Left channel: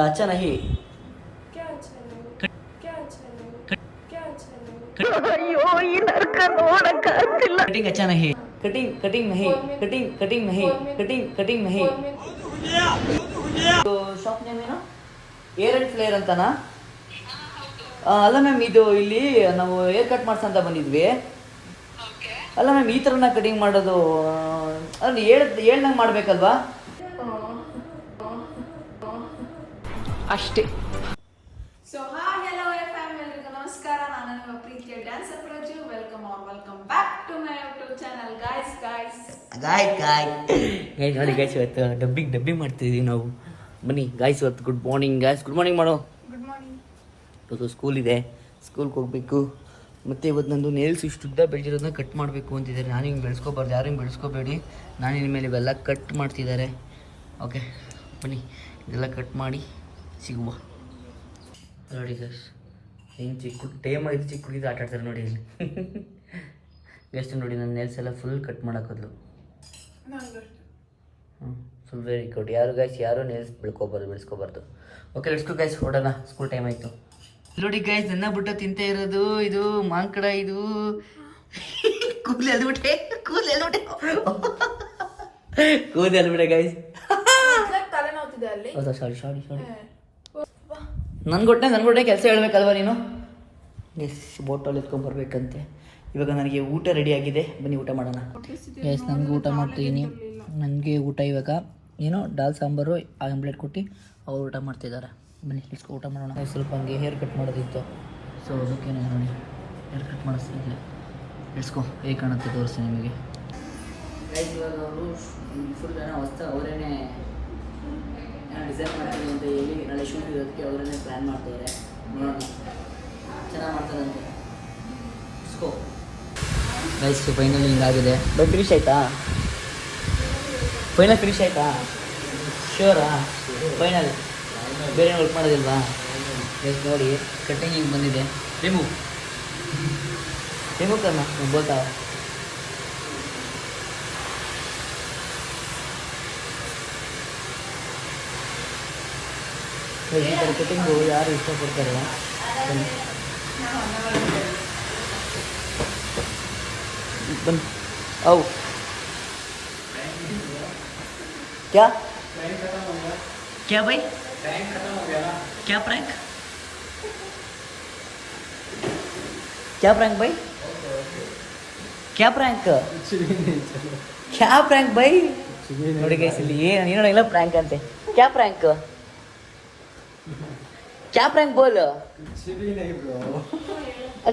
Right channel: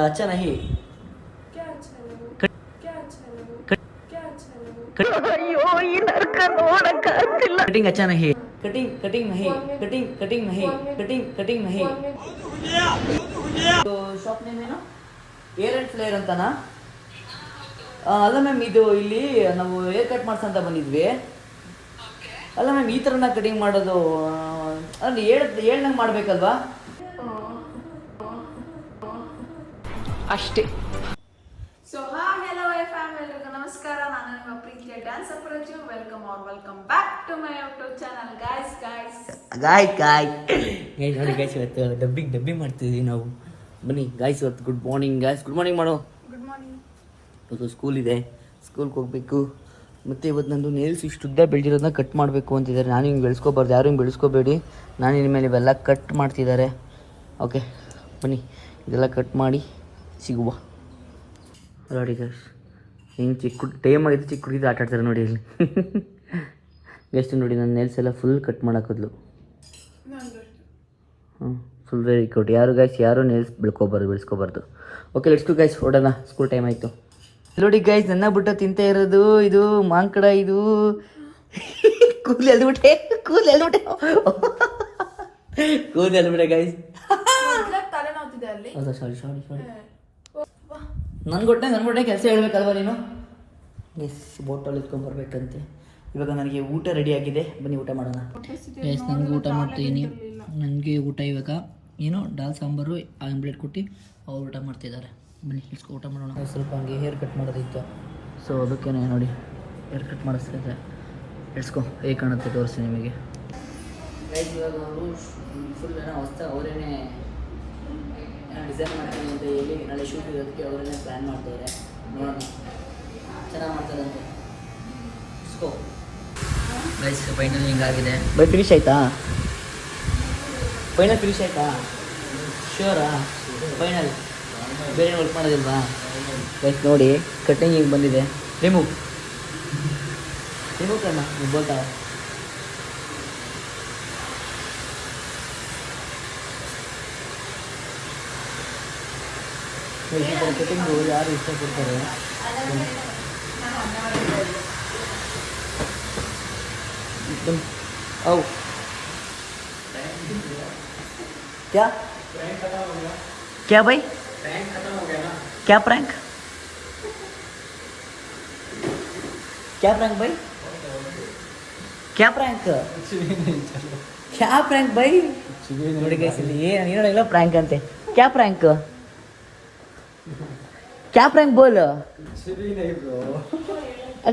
अच्छा नहीं क्या अच्छा नहीं कट- क्या अच्छा नहीं कट- क्या अच्छा नहीं कटिंग अच्छा नहीं कटिंग कटिंग नहीं कटिंग कटिंग नहीं कटिंग कटिंग नहीं ಶಾಪ್ ನೇಮ್ ಏನು ಏರ್ ಅಂಡ್ ಫ್ಲೇರ್ ಅಂತನಾ ಆ, ಅಲ್ಲ ಮ್ಯಾಮ್ ಇದು ಇಲ್ಲಿ ನಾವು ಏರ್ ಕಟ್ ಮಾಡ್ಸಂತ ಬಂದಿದ್ವಿ ಅಲ್ಲ ಮ್ಯಾಮ್ ಈ ಥರನ ಕಟಿಂಗ್ ಮಾಡೋದು ಆ, ಅಲ್ಲಿ ಹೇಳ್ ಹೇಳ್ದಂಗೆ ಮಾಡ್ಬೇಕಲ್ವಾ ಅಷ್ಟೇ. So hi hello F M ಎಲ್ರಿಗೂ ನಮಸ್ಕಾರ. ನಾನು ನಿಮ್ಮ ಪ್ರೀತಿಯ dancer Praju welcome or welcome back to my YouTube channel guys guys guy guy guys ನೋಡಿ ಗಾಯ್ಸ್ ಇವತ್ತು ಡಬ್ಬಿಂಗ್ ಡಬ್ಬಿಂಗ್ ಮಾಡ್ತಿದ್ದೀವಿ ನಾವು. ಬನ್ನಿ ಗಾಯ್ಸ್ ಇವತ್ತು good morning guys good morning ಮಾಡೋ. ಗುಡ್ ಮಾರ್ನಿಂಗ್ ಇವತ್ತು ಸ್ಕೂಲ್ ಇದೆ. ಸ್ಕೂಲ್ಗೆ ಹೋಗಬೇಕು. ಮತ್ತು ಇವತ್ತು ನಂದು ನೇಲ್ಸ್ ಇಷ್ಟು ಉದ್ದ ಬೆಳೆದಿರೋದನ್ನ ಕಟ್ ಮಾಡಬೇಕು ಅಂತಿದ್ದಾರೆ. ನಾನು ಹಿಂಗೆ ಬೆಳೆಸ್ಕೋಬಾರ್ದು. ಯಾರು ಹಿಂಗೆ ಬೆಳೆಸ್ಕೋಬೇಡಿ. ನಾನು ಇನ್ಮೇಲೆ ಇವೆಲ್ಲ ಕಟ್ ಮಾಡ್ತಿದ್ದಾರೆ. ಓಕೆ ಬನ್ನಿ ಇದೆಲ್ಲ ಕಟ್ ಮಾಡಿ. ಸಿಗುವ. ನೋಡಿ ಗೈಸ್ ಹಿಂಗೆ ಚಿಕ್ಕ ಟೈಮ್ ಆಗಿದ್ದು ಚಿಕ್ಕ ಹುಡುಗಿದು ಆಟ ಆಡ್ತಾರೆ ನೋಡಿ ಇಲ್ಲಿ. ಗೆಸ್ಟ್ ನೋಡಿ ನನ್ನ ನೇಲ್ಸ್ ಎಲ್ಲ ಫುಲ್ ಕಟ್ ಮಾಡೋಕದ್ಲು ಹ್ಞೂ ಫುಲ್ ವೆರಿ ಗುಡ್ ಯಾರು ಗೈಸ್ ಯಾರು ನೇಲ್ಸ್ ಬೆಳ್ಕೊಬಾರ್ದು ಬೆಳೆಸ್ಕೋಬಾರ್ದು. ಓಕೆ ಲೆಟ್ಸ್ ಟು ಗೈಸ್ ಹೊಡೋಣ ಸ್ಕೂಲ್ ಟೈಮ್ ಆಯಿತು. ನೋಡಿ ಗೈಸ್ ನನ್ನ ಬಿಟ್ಟು ತಿಂತ ಇರೋದು ಇದು ಮಾಂಕಡ ಇದು ಕೂದಲು ಎಲ್ಬಿಟ್ಟೆ ಕೂದಲು ಎಲ್ಬಿಟ್ಟೆ ಕೂದಲು ಎಲ್ಬಿಟ್ಟೆ ಗೈಸ್ ಹೌದಾ? ಸಾರಿ ಸಾರಿ ಸಾರಿ ನನ್ಗೊಟ್ಟೆ ನನ್ಗೊಟ್ಟೆ ಕೆಲಸ ಹೇಳ್ಬೇಕಲ್ವಾ ನೀನು? ಎಸ್ ಬೋಟಲ್ ಎತ್ಕೊಂಬರ್ಬೇಕಂತೆ ಇವಾಗ ನನಗೆ ಊಟ ರೆಡಿ ಆಗಿದೆ. ಬನ್ನಿ ಊಟ ಮಾಡೋಣ. ಎಸ್ ನನಗೆ ಊಟ ಮಾಡ್ತೀನಿ. ನನಗೆ ಊಟ ಇವಾಗ. ಏನು ದಾಲ್ ಸಾಂಬಾರು ಆಮ್ಲೆಟ್ ಕೊಟ್ಟು ಅವ್ರು ಊಟ ಮಾಡ್ತಿದ್ದಾರೆ. ಬನ್ನಿ ಇಸ್ಕೊ ಊಟ ಮಾಡೋಣ. ಸ್ವಲ್ಪ ಹಂಗೆ ಹೇರ್ ಕಟ್ ಮಾಡೋದಿತ್ತು. ಸೊ ಅದಕ್ಕೇನೆ ನೋಡಿ ಹೇರ್ ಕಟ್ ಮಾಡಿಸ್ತಿದ್ದೆ. ಇಡ್ಸ್ಕೊ ಹೇಗೆ ಕಾಣುತ್ತೆ ತೋರಿಸ್ತೀನಿ ನಿಮಗೆ. ಇವಾಗ ಅವರು ಫುಲ್ ಏನೋ ಹೊಸ ಅವರೇನೆ ಏನೋ ಡಿಸೈನ್ ಮಾಡ್ತೀನಿ ಅಂತ ಹೇಳಿ ನಾಳೆ ಶೂಟ್ ಇರೋದಕ್ಕೆ ಅವರನ್ನೇ ಪ್ಲ್ಯಾನ್ ಮಾಡ್ತಿದ್ದಾರೆ ನೋಡೋಣ ಚೆನ್ನಾಗಿ ಮಾಡ್ತಾರಂತೆ. ಸ್ಕೋ ನೈಸ್ ಫೈನಲ್ ಹಿಂಗಾಗಿದೆ. ಫಿನಿಶ್ ಆಯ್ತಾ? ಫೈನಲ್ ಫಿನಿಶ್ ಆಯ್ತಾ? ಶೋರಾ ಫೈನಲ್ ಬೇರೆ ವರ್ಕ್ ಮಾಡೋದಿಲ್ವಾ? ರೈಸ್ ನೋಡಿ ಕಟ್ಟಿಂಗ್ ಹಿಂಗೆ ಬಂದಿದೆ. ರಿಮೂವ್ ರಿಮೂವ್ ಕರ್ಮ. ಬೋಲ್ತಾ ಈ ಥರ ಕಟಿಂಗು ಯಾರು ಇಷ್ಟಪಡ್ತಾರೆ ಬನ್ನಿ बन आओ क्या क्या भाई क्या प्रैंक क्या प्रैंक भाई क्या प्रैंक क्या प्रैंक भाई ನೋಡಿ ಗೈಸ್ ಇಲ್ಲಿ ಏನು ಏನೋಡಿಲ್ಲ ಪ್ರ್ಯಾಂಕ್ ಅಂತೆ ಕ್ಯಾ ಪ್ರ್ಯಾಂಕ್ क्या प्रैंक बोल कुछ भी नहीं ब्रो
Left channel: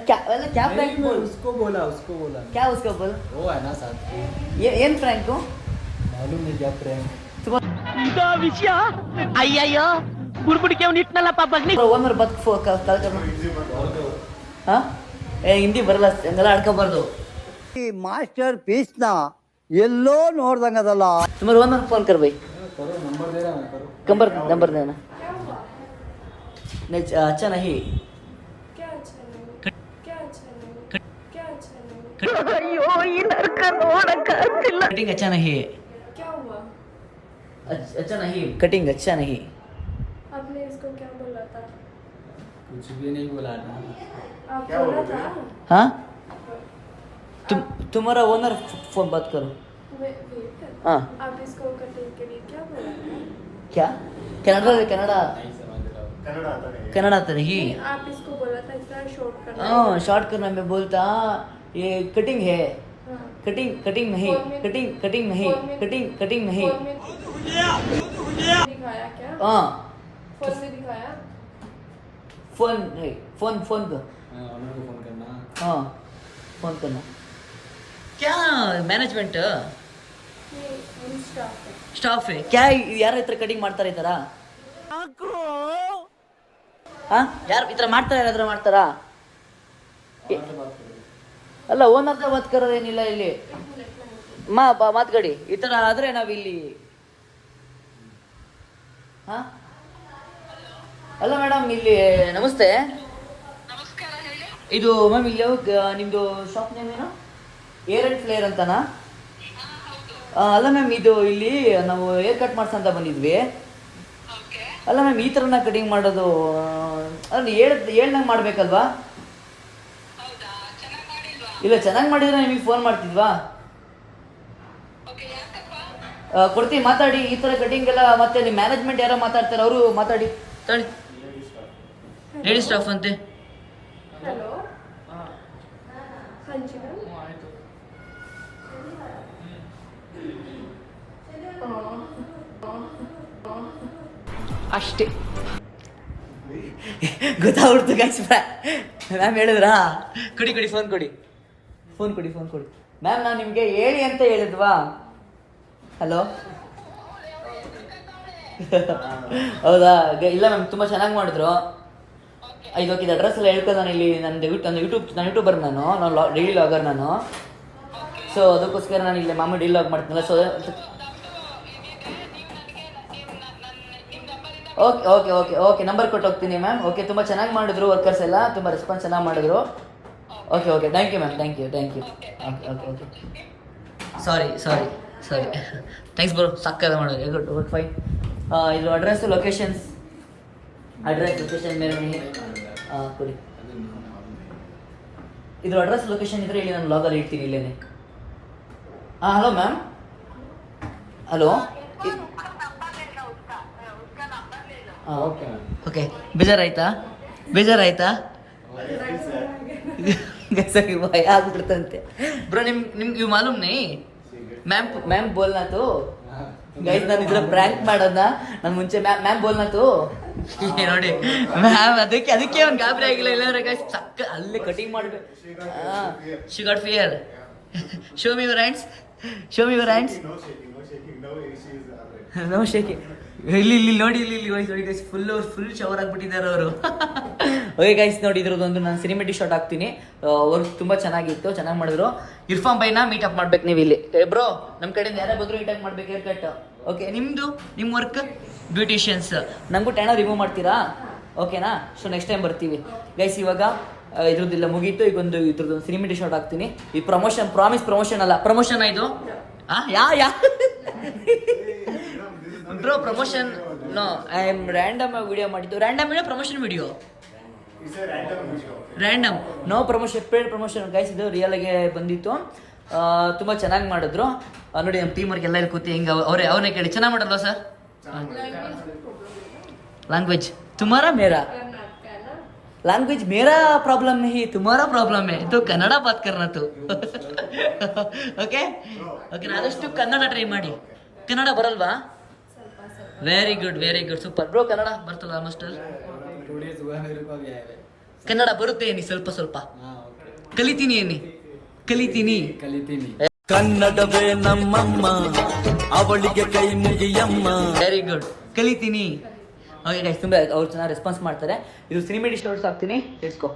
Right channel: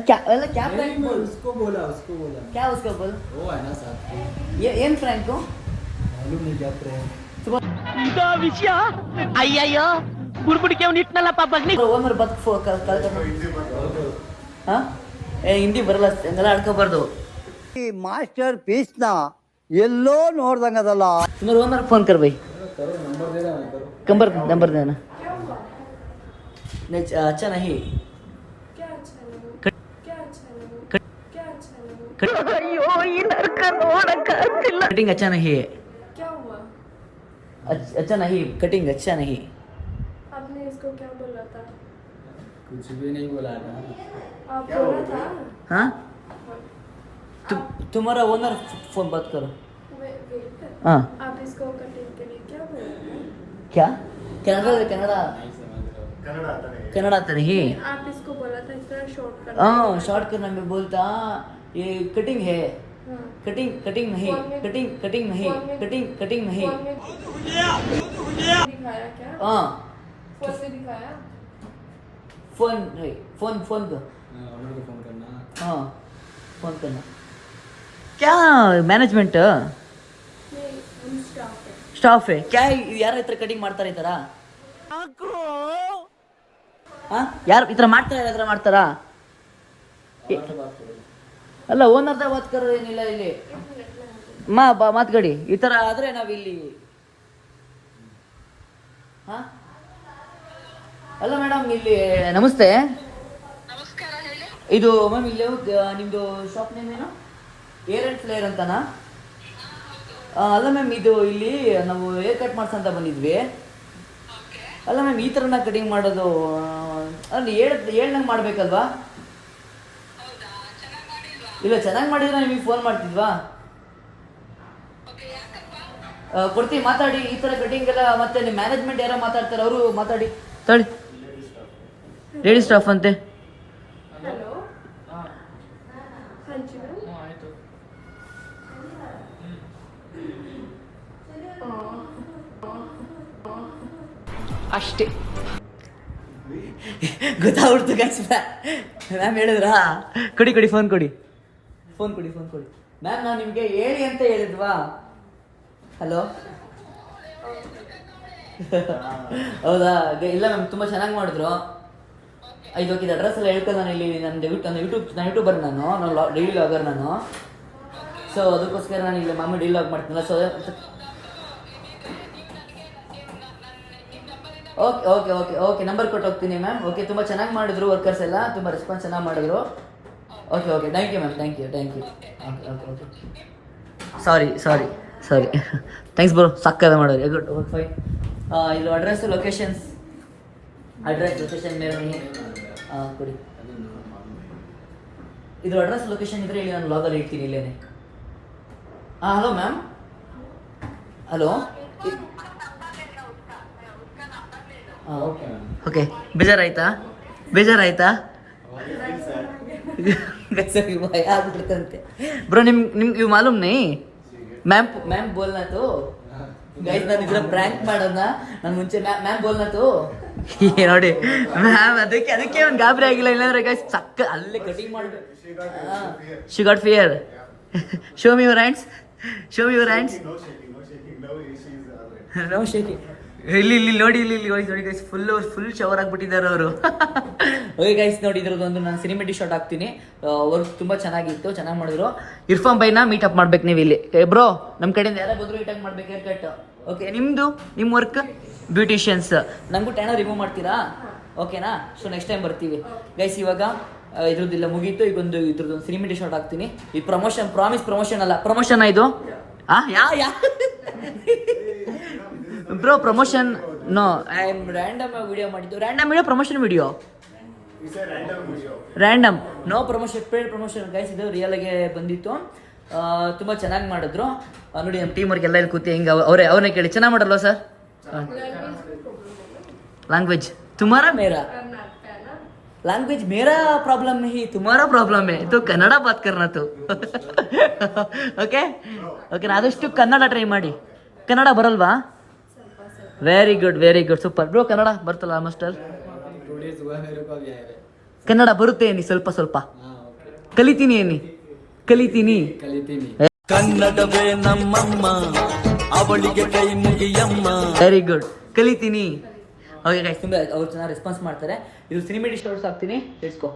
क्या अरे क्या प्रैंक बोल उसको बोला उसको बोला क्या उसका बोल वो है ना साथ में ये ಏನ್ ಪ್ರ್ಯಾಂಕ್ मालूम नहीं क्या प्रैंक ಇದೋ ವಿಷಯ ಅಯ್ಯಯ್ಯೋ ಬುಡ್ಬುಡಿಕೆ ಅವ್ನು ಇಟ್ನಲ್ಲಪ್ಪ ಬಗ್ನಿ ಓನರ್ ಬದ್ ಕಾಲ್ ಹಾ ಏ ಹಿಂದಿ ಬರಲ್ಲ ಹಂಗೆಲ್ಲ ಆಡ್ಕೋಬಾರ್ದು ಈ ಮಾಸ್ಟರ್ ಪೀಸ್ನ ಎಲ್ಲೋ ನೋಡ್ದಂಗದಲ್ಲ तुम्हारे ओनर फोन कर भाई करो नंबर दे रहा मैं करो। नंबर नंबर देना नहीं अच्छा नहीं। क्या अच्छा नहीं? क्या अच्छा नहीं? क्या अच्छा नहीं? कटिंग अच्छा नहीं। है क्या हुआ? अच्छा अच्छा नहीं कटिंग अच्छा नहीं। आपने इसको क्या बोला था? कुछ भी नहीं बोला ना आप बोला था? हाँ? तुम तुम्हारा ओनर फ़ोन बात करो। मैं wait कर हाँ। आप इसको कटिंग के लिए क्या क्या? Canada Canada. हूँ। कनाडा तो नहीं? आप इसको बोला था इतना शॉर्ट कर हाँ शॉर्ट करना मैं बोलता ये कटिंग है। हाँ। कटिंग कटिंग नहीं कटिंग कटिंग नहीं कटिंग कटिंग नहीं। दिखाया क्या? हाँ। फ़ोन में दिखाया? फ़ोन नहीं फ़ोन फ़ोन फ़ोन करना। हाँ फ़ोन करना। क्या मैनेजमेंट है ಸ್ಟಾಫೆ ಕ್ಯಾ ಯಾರ ಹತ್ರ ಕಟಿಂಗ್ ಮಾಡ್ತಾರೆ ಈ ಹಾ ಯಾರು ಈ ಥರ ಮಾಡ್ತಾರೆ ಯಾರಾದ್ರೂ ಮಾಡ್ತಾರಾ? ಅಲ್ಲ ಓನರ್ದ ಏನಿಲ್ಲ ಇಲ್ಲಿ. ಮಾ ಬಾ ಮಾತ್ಕಡಿ ಈ ಥರ ಆದರೆ ನಾವಿಲ್ಲಿ ಹಾಂ ಅಲ್ಲ ಮೇಡಮ್ ಇಲ್ಲಿ ನಮಸ್ತೆ. ಇದು ಮ್ಯಾಮ್ ಇಲ್ಲಿ ನಿಮ್ಮದು ಶಾಪ್ ನೇಮ್ ಏನು? ಏರ್ ಅಂಡ್ ಫ್ಲೇರ್ ಅಂತನಾ? ಅಲ್ಲ ಮ್ಯಾಮ್ ಇದು ಇಲ್ಲಿ ನಾವು ಹೇರ್ ಕಟ್ ಮಾಡ್ಸಂತ ಬಂದಿದ್ವಿ. ಅಲ್ಲ ಮ್ಯಾಮ್ ಈ ಥರನ ಕಟಿಂಗ್ ಮಾಡೋದು ಅಲ್ಲಿ ಹೇಳ ಹೇಳ್ದಂಗೆ ಮಾಡಬೇಕಲ್ವಾ? ಇಲ್ಲ ಚೆನ್ನಾಗಿ ಮಾಡಿದ್ರೆ ನಿಮಗೆ ಫೋನ್ ಮಾಡ್ತಿದ್ವಾ? ಕೊಡ್ತೀವಿ ಮಾತಾಡಿ ಈ ಥರ ಕಟಿಂಗ್ ಎಲ್ಲ ಮತ್ತೆ ನಿಮ್ಮ ಮ್ಯಾನೇಜ್ಮೆಂಟ್ ಯಾರೋ ಮಾತಾಡ್ತಾರೆ ಅವರು ಮಾತಾಡಿ. ತಳಿ ಲೇಡಿ ಸ್ಟಾಫ್ ಅಂತೆ ಹಲೋ ಹಂಚಿ ಮ್ಯಾಮ್ ಅಷ್ಟೇ. ಗೊತ್ತಾಗ್ಬಿಡ್ತು ಗೈಸ್ ಮ್ಯಾಮ್ ಹೇಳಿದ್ರಾ? ಕೊಡಿ ಕೊಡಿ ಫೋನ್ ಕೊಡಿ. ಫೋನ್ ಕೊಡಿ ಫೋನ್ ಕೊಡಿ. ಮ್ಯಾಮ್ ನಾನು ನಿಮಗೆ ಹೇಳಿ ಅಂತ ಹೇಳಿದ್ವಾ? ಹಲೋ ಹೌದಾ? ಇಲ್ಲ ಮ್ಯಾಮ್ ತುಂಬ ಚೆನ್ನಾಗಿ ಮಾಡಿದ್ರು. ಇದು ಓಕೆ ಅಡ್ರೆಸ್ ಎಲ್ಲ ಹೇಳ್ಕೊಂಡು ನಾನು ಇಲ್ಲಿ ನನ್ನ ನನ್ನ ಯೂಟ್ಯೂಬ್ ನಾನು ಯೂಟ್ಯೂಬರ್ ನಾನು ನಾನು ಡೈಲಿ ಲಾಗರ್ ನಾನು. ಸೊ ಅದಕ್ಕೋಸ್ಕರ ನಾನು ಇಲ್ಲಿ ಮಾಮೂಲಿ daily log ಮಾಡ್ತೀನಲ್ಲ so okay okay okay okay number ಕೊಟ್ಟು ಹೋಗ್ತೀನಿ ಮ್ಯಾಮ್ ಓಕೆ ತುಂಬ ಚೆನ್ನಾಗಿ ಮಾಡಿದ್ರು ವರ್ಕರ್ಸ್ ಎಲ್ಲ. ತುಂಬ ರೆಸ್ಪಾನ್ಸ್ ಚೆನ್ನಾಗಿ ಮಾಡಿದ್ರು. Okay okay thank you ma'am thank you thank you okay okay okay sorry sorry sorry thanks bro ಸಕ್ಕದ ಮಾಡೋದು ಗುಡ್ ಗುಡ್ ಫೈನ್ ಇದು ಅಡ್ರೆಸ್ಸು ಲೊಕೇಶನ್ಸ್ ಅಡ್ರೆಸ್ ಲೊಕೇಶನ್ ಮೇಲೆ ಹಾಂ ಕೊಡಿ. ಇದು ಅಡ್ರೆಸ್ ಲೊಕೇಶನ್ ಇದ್ರೆ ಇಲ್ಲಿ ನಾನು ಲಾಗಲ್ಲಿ ಇಡ್ತೀನಿ ಇಲ್ಲೇ ಹಾಂ ಹಲೋ ಮ್ಯಾಮ್ ಹಲೋ ಓಕೆ ಬೇಜಾರಾಯ್ತಾ? ಬೇಜಾರಾಯ್ತಾ? ಬೇಸರಿ ಭಯ ಆಗ್ಬಿಡ್ತಂತೆ. ಬ್ರೋ ನಿಮ್ ನಿಮ್ಗೆ ಇವು ಮಾಲೂಮ್ ನೀ ಮ್ಯಾಮ್ ಮ್ಯಾಮ್ ಬೋಲ್ನಾ ತು ಗೈಸ್ ನಾನು ಇದ್ರ ಪ್ರ್ಯಾಂಕ್ ಮಾಡೋದನ್ನ ನಾನು ಮುಂಚೆ ಮ್ಯಾಮ್ ಮ್ಯಾಮ್ ಬೋಲ್ನಾ ತು ನೋಡಿ. ಮ್ಯಾಮ್ ಅದಕ್ಕೆ ಅದಕ್ಕೆ ಅವ್ನು ಗಾಬರಿ ಆಗಿಲ್ಲ. ಇಲ್ಲಾಂದ್ರೆ ಗೈಸ್ ಸಕ್ಕ ಅಲ್ಲಿ ಕಟಿಂಗ್ ಮಾಡ್ಬೇಕು she got fear show me your hands show me your hands no shaky ಇಲ್ಲಿ ಇಲ್ಲಿ, ನೋಡಿ, ಇಲ್ಲಿ ಇಲ್ಲಿ, ನೋಡಿ ನೋಡಿ ಗೈಸ್ ಫುಲ್ ಫುಲ್ ಶವರ್ ಆಗ್ಬಿಟ್ಟಿದ್ದಾರೆ ಅವರು. ಓಕೆ ಗೈಸ್ ನೋಡಿ ಇದ್ರದ್ದೊಂದು ನಾನು ಸಿನಿಮೆಟಿಕ್ ಶಾರ್ಟ್ ಹಾಕ್ತೀನಿ. ವರ್ಕ್ ತುಂಬ ಚೆನ್ನಾಗಿತ್ತು, ಚೆನ್ನಾಗಿ ಮಾಡಿದ್ರು. ಇರ್ಫಾನ್ ಬೈನ ಮೀಟ್ ಅಪ್ ಮಾಡ್ಬೇಕು ನೀವು ಇಲ್ಲಿ. ಬ್ರೋ ನಮ್ಮ ಕಡೆಯಿಂದ ಯಾರೇ ಬಂದ್ರು ಮೀಟ್ ಮಾಡ್ಬೇಕು ಹೇರ್ ಕಟ್ ಓಕೆ ನಿಮ್ಮದು ನಿಮ್ಮ ವರ್ಕ್ ಬ್ಯೂಟಿಷಿಯನ್ಸ್ ನಂಗೂ ಟ್ಯಾಣ ರಿಮೂವ್ ಮಾಡ್ತೀರಾ? ಓಕೆನಾ ಸೊ ನೆಕ್ಸ್ಟ್ ಟೈಮ್ ಬರ್ತೀವಿ. ಗೈಸ್ ಇವಾಗ ಇದ್ರದ್ದೆಲ್ಲ ಮುಗೀತು. ಈಗ ಒಂದು ಇದ್ರದ್ದು ಸಿನಿಮೆಟಿಕ್ ಶಾರ್ಟ್ ಹಾಕ್ತೀನಿ. ಈ ಪ್ರಮೋಷನ್ ಪ್ರಾಮಿಸ್ ಪ್ರಮೋಷನ್ ಅಲ್ಲ. ಪ್ರಮೋಷನ್ ಇದು? Ya ya? bro promotion no I am random video ಮಾಡಿದ್ದು random video promotion video random no promotion paid promotion guys ಇದು ರಿಯಲ್ ಆಗಿ ಬಂದಿತ್ತು ಆ, ತುಂಬ ಚೆನ್ನಾಗಿ ಮಾಡಿದ್ರು ಆ, ನೋಡಿ ನಮ್ಮ ಟೀಮ್ ಅವ್ರಿಗೆ ಎಲ್ಲ ಇಲ್ಲಿ ಕೂತಿ ಹಿಂಗೆ ಅವರೇ ಅವ್ರನ್ನೇ ಕೇಳಿ ಚೆನ್ನಾಗಿ ಮಾಡಲ್ವಾ ಸರ್ लैंग्वेज तुम्हारा मेरा लैंग्वेज मेरा प्रॉब्लम नहीं तुम्हारा प्रॉब्लम है तो ಕನ್ನಡ ಬಾತ್ करना तो ಓಕೆ ಓಕೆ ಆದಷ್ಟು ಕನ್ನಡ ಟ್ರೈ ಮಾಡಿ ಕನ್ನಡ ಬರಲ್ವಾ Very good very good super bro Kannada ಬರ್ತಲ್ಲ ಮಾಸ್ಟರ್ ಕನ್ನಡ ಬರುತ್ತೆ ಏನಿ? ಸ್ವಲ್ಪ ಸ್ವಲ್ಪ. ಕಲಿತೀನಿ ಏನಿ? ಕಲಿತೀನಿ. ಕಲಿತೀನಿ ಕನ್ನಡವೇ ನಮ್ಮಮ್ಮ ಅವಳಿಗೆ ಕೈ ಮುಗಿಯಮ್ಮ. ವೆರಿ ಗುಡ್ ಕಲಿತೀನಿ. ಅವ್ರು ಚೆನ್ನಾಗಿ ರೆಸ್ಪಾನ್ಸ್ ಮಾಡ್ತಾರೆ. ಇದು ಸಿನಿಮಾ ಡಿಶ್ ಆಗ್ತೀನಿ ತಿಳ್ಸ್ಕೊ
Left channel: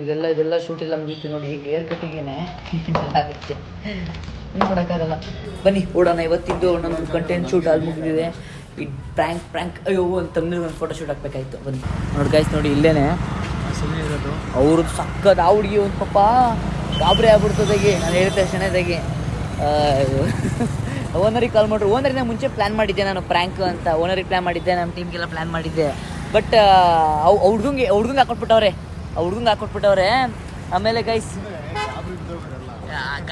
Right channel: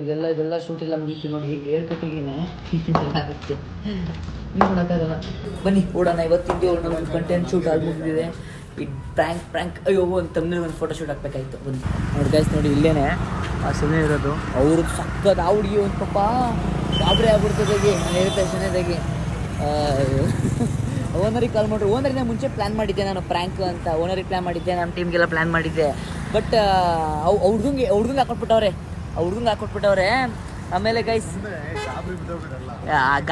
ಇದೆಲ್ಲ ಇದೆಲ್ಲ ಶೂಟ್ ಇಲ್ಲ ಮುಗೀತು ನೋಡಿ ಈಗ ಏರ್ ಕಟ್ಟಿಗೆನೆ ಆಗುತ್ತೆ. ಏನು ಮಾಡೋಕ್ಕಾಗಲ್ಲ ಬನ್ನಿ, ಓಡೋಣ. ಇವತ್ತಿದ್ದು ಒಂದು ಕಂಟೆಂಟ್ ಶೂಟ್ ಅಲ್ಲಿ ಮುಗಿದಿದೆ. ಈ ಪ್ರ್ಯಾಂಕ್ ಪ್ರ್ಯಾಂಕ್ ಅಯ್ಯೋ, ಒಂದು ತಮ್ಮನಿಗೆ ಒಂದು ಫೋಟೋ ಶೂಟ್ ಹಾಕ್ಬೇಕಾಯ್ತು. ಬನ್ನಿ. ನೋಡಿ ಗಾಯ್ಸ್ ನೋಡಿ, ಇಲ್ಲೇನೆ. ಆ ಸುಮ್ಮನೆ ಇರೋದು. ಅವ್ರದ್ದು ಸಕ್ಕದ ಆ ಹುಡುಗಿ ಒಂದು ಪಾಪ ಗಾಬರಿ ಆಗ್ಬಿಡ್ತದಾಗಿ ನಾನು ಹೇಳಿದ ಶನೇದಾಗಿ ಓನರಿಗೆ ಕಾಲ್ ಮಾಡ್ರು. ಓನರಿಂದ ಮುಂಚೆ ಪ್ಲ್ಯಾನ್ ಮಾಡಿದ್ದೆ ನಾನು ಪ್ರ್ಯಾಂಕ್ ಅಂತ. ಓನರಿಗೆ ಪ್ಲ್ಯಾನ್ ಮಾಡಿದ್ದೆ ನಮ್ಮ ಟೀಮ್ಗೆಲ್ಲ ಪ್ಲ್ಯಾನ್ ಮಾಡಿದ್ದೆ. ಬಟ್ ಅವು ಹುಡ್ಗಂಗೆ ಹುಡ್ಗಂಗೆ ಹಾಕೊಟ್ಬಿಟ್ಟವ್ರೆ. ಆ ಹುಡುಗಂಗೆ ಹಾಕೊಟ್ಬಿಟ್ಟವ್ರೆ ಆಮೇಲೆ ಗೈಸ್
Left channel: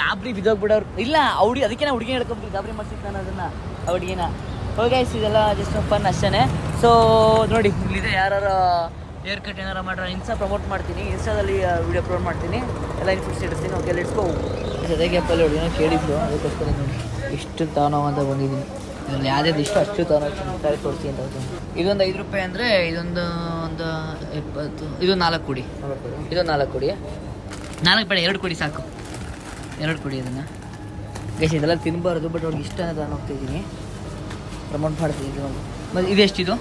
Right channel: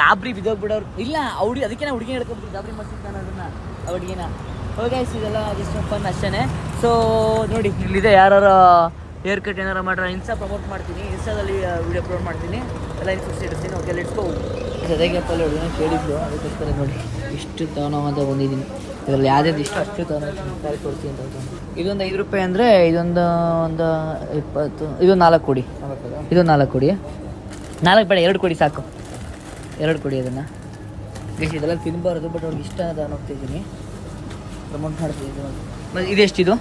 ಗಾಬ್ರಿ ಬಿದ್ದೋಗ್ಬಿಡೋರು ಇಲ್ಲ ಅವ್ರಿ ಅದಕ್ಕೆ ನಾ ಹುಡುಗಿ ಹೇಳ್ಕೊಬಿಟ್ಟು ಗಾಬ್ರಿ ಮಾಡ್ಸಿದ್ದು ನಾನು ಅದನ್ನ, ಆ ಹುಡುಗಿನ. ಗೈಸ್ ಇದೆಲ್ಲ ಜಸ್ಟ್ ಫನ್ ಅಷ್ಟೇ ಸೊ ನೋಡಿ, ಇಲ್ಲಿದೆ ಯಾರು ಹೇರ್ ಕಟ್ ಏನಾರು ಮಾಡ್ರೆ ಇನ್ಸ್ಟಾ ಪ್ರಮೋಟ್ ಮಾಡ್ತೀನಿ. ಇನ್ಸ್ಟಾದಲ್ಲಿ ವಿಡಿಯೋ ಅಪ್ಲೋಡ್ ಮಾಡ್ತೀನಿ. ಎಲ್ಲ ಇನ್ಫ್ಯೂಸ್ ಇಡ್ತೀನಿ ಓಕೆ ಲೆಟ್ಸ್ ಗೋ ಜೊತೆಗೆ ಅಪ್ಪಲ್ಲಿ ಹುಡುಗಿನ ಕೇಳಿದ್ದು ಅದಕ್ಕೋಸ್ಕರ ನೋಡಿ, ಇಷ್ಟು ತಾನವಾದ ಬಂದಿದ್ದೀನಿ. ಇದರಲ್ಲಿ ಯಾವ್ದು ಇಷ್ಟ ಅಷ್ಟು ತರ ತೋರಿಸಿ ಅಂತ ಹೇಳ್ತೀನಿ. ಇದೊಂದು ಐದು ರೂಪಾಯಿ ಅಂದರೆ ಇದೊಂದು ಒಂದು ಇಪ್ಪತ್ತು ಇದೊಂದು ನಾಲ್ಕು ಕೊಡಿ. ಇದು ನಾಲ್ಕು ಕೊಡಿ. ನಾಲ್ಕು ಬೇಡ ಎರಡು ಕೊಡಿ ಸಾಕು. ಎರಡು ಕೊಡಿ ಅದನ್ನು. ಗೈಸ್ ಇದೆಲ್ಲ ತಿನ್ನಬಾರ್ದು ಬಟ್ ಅವ್ರಿಗೆ ಇಷ್ಟ ಅಂತ ನಾನು ಹೋಗ್ತಿದ್ದೀನಿ ಪ್ರಮೋಟ್ ಮಾಡ್ತೀನಿ ಮತ್ತು ಇದೆಷ್ಟಿದು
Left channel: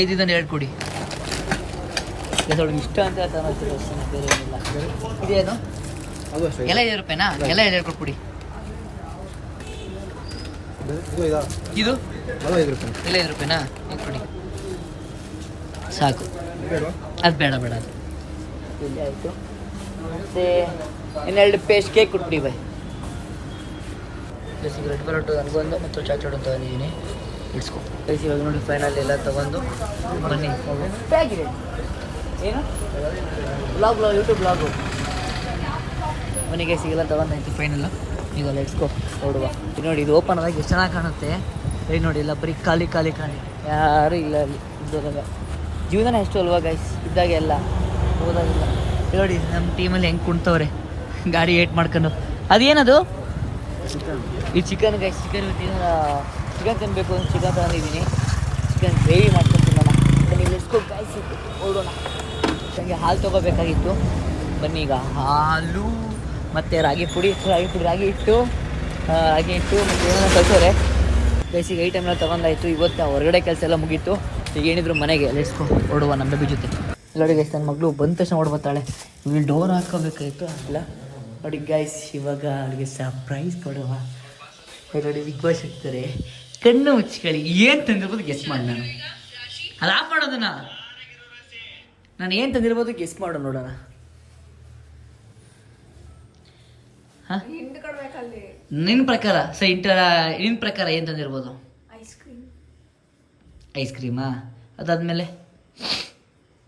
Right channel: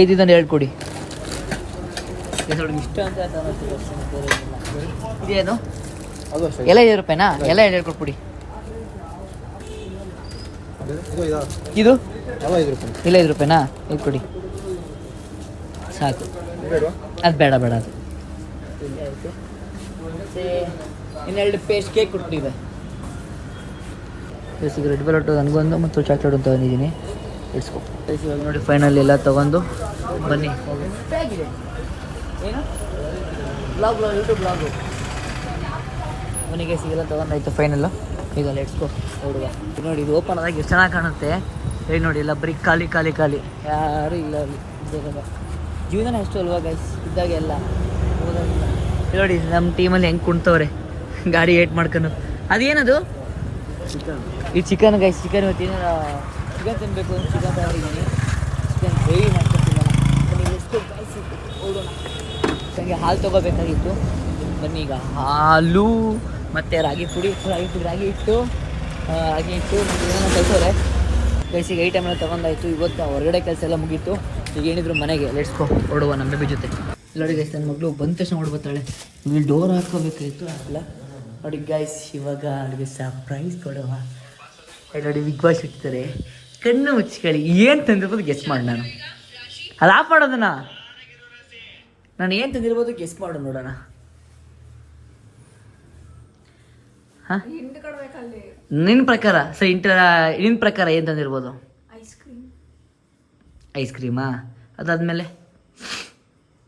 ಐದು. ಇದನ್ನು ಎರಡು ಕೊಡಿ. ಅವ್ರಿಗೆ ಇಷ್ಟ ಅಂತ ಅಷ್ಟೇ ಬೇರೆ ಏನಿಲ್ಲ. ಇದೇನು? ಎಲ್ಲ ಐದು ರೂಪಾಯಿನಾ? ಎಲ್ಲ ಎರಡು ಕೊಟ್ಬಿಡಿ ಅದು- ಇದು? ಇಲ್ಲ ಐದು ರೂಪಾಯಿನಾ? ಇದು ಕೊಡಿ. ಸಾಕು. ಅದು ಬೇಡ ಬೇಡ ಅದು. ಮತ್ತು ಇನ್ನೆರಡು ಪೇಸ್ಟ್ ಕೇಕ್ ಕೊಟ್ಬಿಡಿ ಬೈ. ರೆಡ್ ವೆಲ್ವೆಟ್ ಹಂಗೊಂದು ಮತ್ತು ಚಾಚಾಡು ತಗೊಂಡಿದ್ದೀನಿ ಪ್ಲಸ್ ಇವಾಗ ನೋಡಿ ಫೈನಲ್ ಎಲ್ಲ ತೊಗೊಂಡು ಬನ್ನಿ. ಏನು? ಬ್ಲಾಗ್ ಬ್ಲಾಗ್ ಯೂಟ್ಯೂಬ್ ಬ್ಲಾಗು ಮನೆಗೆ ಸಿಗಲ್ಲ ತೊಗೊಂಡಾಯ್ತು ಫೈನಲ್ಲು ಈಗ ಲೆಟ್ಸ್ಕೊ ನೋಡುವ. ನೋಡಿ, ಇದು ಓಪನ್ ಆದಾಗ ಎಷ್ಟು ಚೆನ್ನಾಗಿ ಕಾಣುತ್ತೆ. ಹೇಳಿ ನೋಡಿ ಇಲ್ಲ ಬರೀ ಖಾಲಿ ಖಾಲಿ ಖಾಲಿ. ಯಾರು ಇಲ್ಲ ಅಲ್ಲಿ ಇದ್ದಾಗ ಜೀವನ ಎಷ್ಟು ಅಲ್ವಾ ಗೈಸ್ ಇದ್ದಾಗ ಎಲ್ಲ. ಓದೋದಿಲ್ಲ. ನೋಡಿ ನಮ್ಮ ಟೀಮಲ್ಲಿ ಹೆಂಗೆ ಕುಣ್ತವ್ರೆ. ಗಾಡಿ ಏಟ್ ಮಾಡ್ಕೊಂಡು. ಅದೇನದು? ಈ ಚಿಕನ್ ಗೈಸ್ ಚಿಕನ್ ತಿನ್ನ ಚಿಕನ್ ತಿನ್ನಬೇಕು ಅಂತ ಚಿಕನ್ ತಗೊಂಡಿದ್ದೀನಿ. ಚಿಕನ್ ಗ್ರೇವಿ ಮಾಡ್ಕೊಂಡು ತಿನ್ನೋಣ. ಬನ್ನಿ ಲೆಟ್ಸ್ಕೊ ಗೈಸ್ ಓಡೋಣ. ನನಗೆ ಹಾಲು ತೊಗೋಬೇಕಾಗಿತ್ತು. ಬನ್ನಿ ಈಗ. ಹಾಲು. ಮತ್ತು ರಾಗಿ ಪುಡಿ ರಾಗಿ ಪುಡಿ, ರಾಗಿ ಇಟ್ಟು ರಾಗಿ ಇಟ್ಟು ಮತ್ತು ಏನೋ ಕಲ್ಸೋರೆ ಬೇಸಿಗೆ ಐಟಮ್ ಎಲ್ಲ ತೊಗೊಂಡಾಯ್ತು, ಇವತ್ತು ಹೊರಗಡೆ ಕೆಲಸ ಎಲ್ಲ ಮುಗೀತು. ಈಗ ಏನಿದ್ರು ಮನೆಗೆ ಲೆಟ್ಸ್ಕೊ ಓಡುವ ನಮ್ಮ ಬೇಬಿ ಜೊತೆ. ನೋಡಿ ಗೈಸ್ ನನ್ನ ಮಗಳು ಬಂದ ತಕ್ಷಣ ಹೊಡ್ಬತ್ತಾಳೆ ಇಲ್ಲಿ ಡೋರ್ ಹಾಕೋಬೇಕಾಯ್ತು ಅಲ್ಲ ನೋಡಿ ಗೈಸ್ ಇವಾಗ ಅವಳಿಗೆ ಸರ್ಪ್ರೈಸ್ ಕೊಡುವ. ನೋಡಿ ಬಿಗ್ ಬಾಸ್ ಇರ್ತಾರೆ. ಕಣ್ಣು ಮುಚ್ಕೊಳ್ಳಿ. ಏನು ತಂದಿರ್ಬೋದು ಗೆಸ್ ಮಾಡಿ ನಾನು. ಅದು ಆಫ್ ಮಾಡೋದನ್ನ. ನಾನು ಏನು ತಂದಿರ್ಬೋದು ಗೆಸ್ ಮಾಡು ನೋಡೋಣ. ನಿನ್ನ ಪ್ರಕಾರ ಸೊ ಇಂಟರ್ ನಿನ್ನ ಪ್ರಕಾರ ಏನು ತಂದಿರ್ಬೋದು? ಐಸ್ ಕ್ರೀಮ್ ಐಸ್ ಕ್ರೀಮಾ ಅದಾದಮೇಲೆ?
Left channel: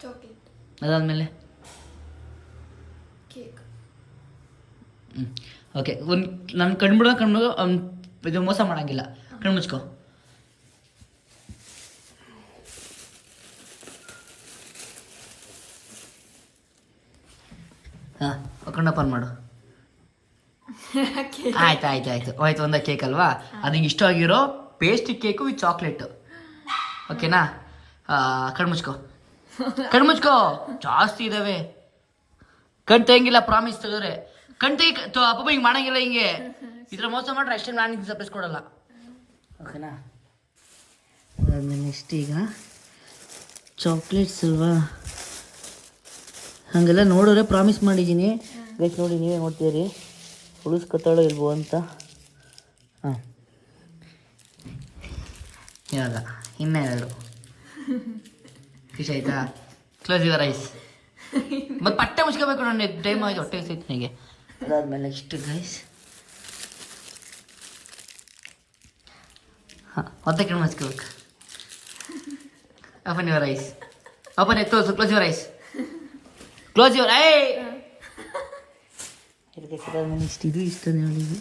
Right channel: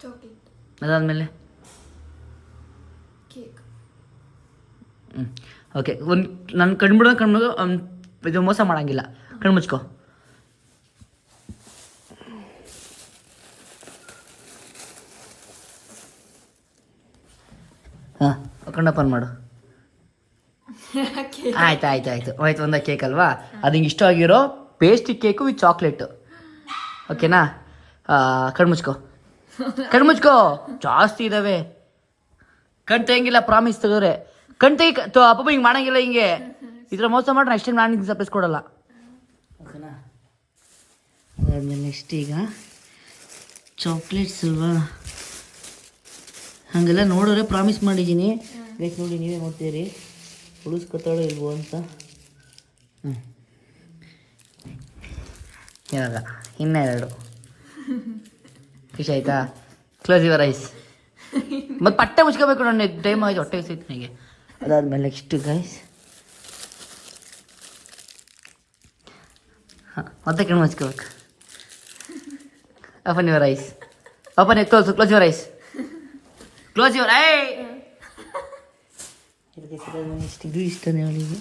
ಚಾಕ್ಲೇಟ್ ಅದಾದಮೇಲೆ? ಕೇಕ್ ಹ್ಞೂ ಓಕೆ ಒಂದು ನನ್ನ ಕಣ್ಬಿಡೋ ಕಣ್ಬಿಡೋ ಇದು ಮೋಸ ಮಾಡಂಗಿಲ್ಲ. ಕಣ್ಣು ಮುಚ್ಕೋ. ಹಾಂ ಕಣ್ಣಪ್ಪನ್ ಮಾಡು. ಆಯ್ತು ಆಯ್ತು ಆಯ್ತು. ಹೋಯ್ತು ಒಂದ ಕೇಕ್ ಅಲ್ವಾ? ಅದು ಇಷ್ಟ ಆಗಿರೋ ಪೇಸ್ಟ್ರಿ ಕೇಕು ವಿತ್ ಚಾಕ್ಲೇಟು ಓಕೆನಾ ಕಣ್ ಮುಚ್ಕೋ. ಕಣ್ ಮುಚ್ಕೋ. ಜಾಸ್ತಿ ಇದಾವೆ. ಕಣ್ ತೆಗಿಲ್ಲ ಪ್ರಾಮಿಸ್ ತೆಗೆದ್ರೆ. ಕಣ್ ತೆಗಿ ಅಪ್ಪ ಹಿಂಗೆ ಮಾಡಂಗಿಲ್ಲ ಹಿಂಗೆ. ಇದ್ರ ಮೋಸ ಮಾಡ್ರೆ ಅಷ್ಟೇ ನಾನು ಹಿಂಗೆ ಸರ್ಪ್ರೈಸ್ ಕೊಡಲ್ಲ. ಓಕೆನಾ ಅದಾದ್ಮೇಲೆ ನೆಕ್ಸ್ಟ್ ಈಗ ಚಾಕ್ಲೇಟ್ಸ್ ಅಲ್ವಾ? ಹಾಗೆಲ್ಲ ನೋಡೋರೆ ಪ್ರಾಮಿಸ್ ಮಾಡಿದ್ದೀನಿ. ಗೈಸ್ ನೋಡಿ ನೀವೇ ನೋಡ್ತೀರಿ. ಉಳಿಸ್ಕೊತಾಳೋ ಇಲ್ವೋ ಅಂತ? ಹಾಂ ಇವಾಗ ಇನ್ನೆರಡು. ಖುಷಿ ಆಯ್ತಾ? ಕ್ಲೋಸ್ ಯುವರ್ ಐಸ್ ಮತ್ತೆ ಪಟ್ಟೆ ಮುಚ್ಕೋಬೇಕು ನನ್ನ ಟೈಮ್ ಆಯ್ತು, ಹೊಟ್ಟೆ ಸಿಗ್ತು ನನಗೆ. ಅದಾದ್ಮೇಲೆ ನೆಕ್ಸ್ಟ್ ಗೈಸ್ ಹಾಂ ಮತ್ತೆ ಕಣ್ಣು ಮುಚ್ಕೋಬೇಕು. Open your eyes open close close your eyes close your eye ಇಷ್ಟು ಇದು ಇಷ್ಟನೇ ಅವಳಿಗೆ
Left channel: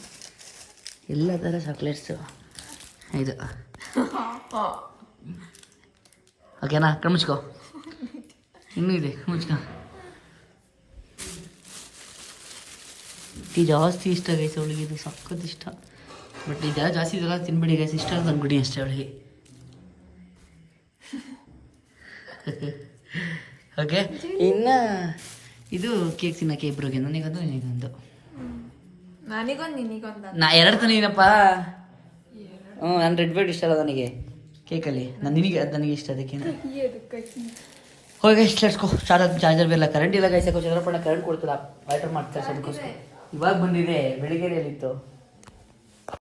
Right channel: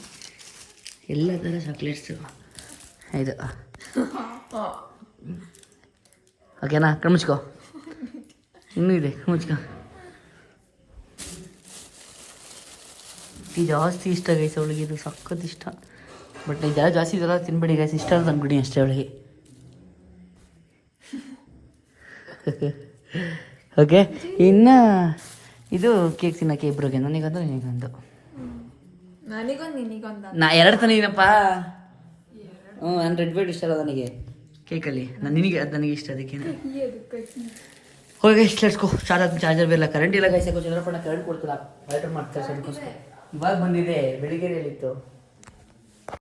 ಎಲ್ಲ ಥರ ಚಾಕ್ಲೇಟ್ಸು ಇದು. ಓಕೆನಾ ಕಣ್ಮುಚ್ಕೋ. ಇನ್ನೂ ಇದೆ ಮುಚ್ಕೋ ಇದು ಜಾಸ್ತಿ ಇಷ್ಟ ಗೈಸ್ ಅವಳಿಗೆ, ಇದು ಸಖತ್ ಇಷ್ಟ. ಬಟ್ ಇದೆಲ್ಲ ಜಾಸ್ತಿ ಇದೆಲ್ಲ ತಿನ್ಬೇಡಿ ಗೈಸ್ ಇಷ್ಟ ಅಂತ ಅಂದ್ಬಿಡಿ ಅಷ್ಟೇ ಅವಳಿಗೆ. ಓಕೆ ಇನ್ನು ಇದು ಕೇಕ್ ತಿನ್ನಕ್ಕೆ ಇಬ್ರಿಗೆ. ನನಗೊಂದು ನಿನಗೊಂದು. ನನಗೊಂದು ನಿನಗೊಂದು? ನಾ ಎರಡು ತಿನ್ನಪ್ಪ ಹ್ಞೂ ನಾನು ರೆಡ್ ಬೇಡ ಇಷ್ಟ ಅಲ್ಲ ನನಗೆ. ಕೇಕಲ್ಲಿ. ನಾನು ನಿನಗೆ ಅದು ನನಗೆ ಇಷ್ಟ ಅದಕ್ಕೆ. ಹೋಗಿ ಎಷ್ಟು ಲೆಟ್ಸ್ಕೋ ಚಾರ್ಜರ್ ಚಾರ್ಜರ್ ಬೇರೆ ಕರೆಂಟ್ ಇಲ್ಲ ಗೈಸ್ ಯಾಕೋ ಚಂದ್ರಪ್ಪಣ್ಣ ಕರೆಂಟ್ ಕೊಡ್ತಾರೆ ಆಲ್ಟರ್ ಮಾಡ್ತಾರೆ ಅದಕ್ಕೋಸ್ಕರ ಇವಾಗ ಬಂದಿದೆ ಬೆಳಿಗ್ಗೆಯಲ್ಲಿತ್ತು.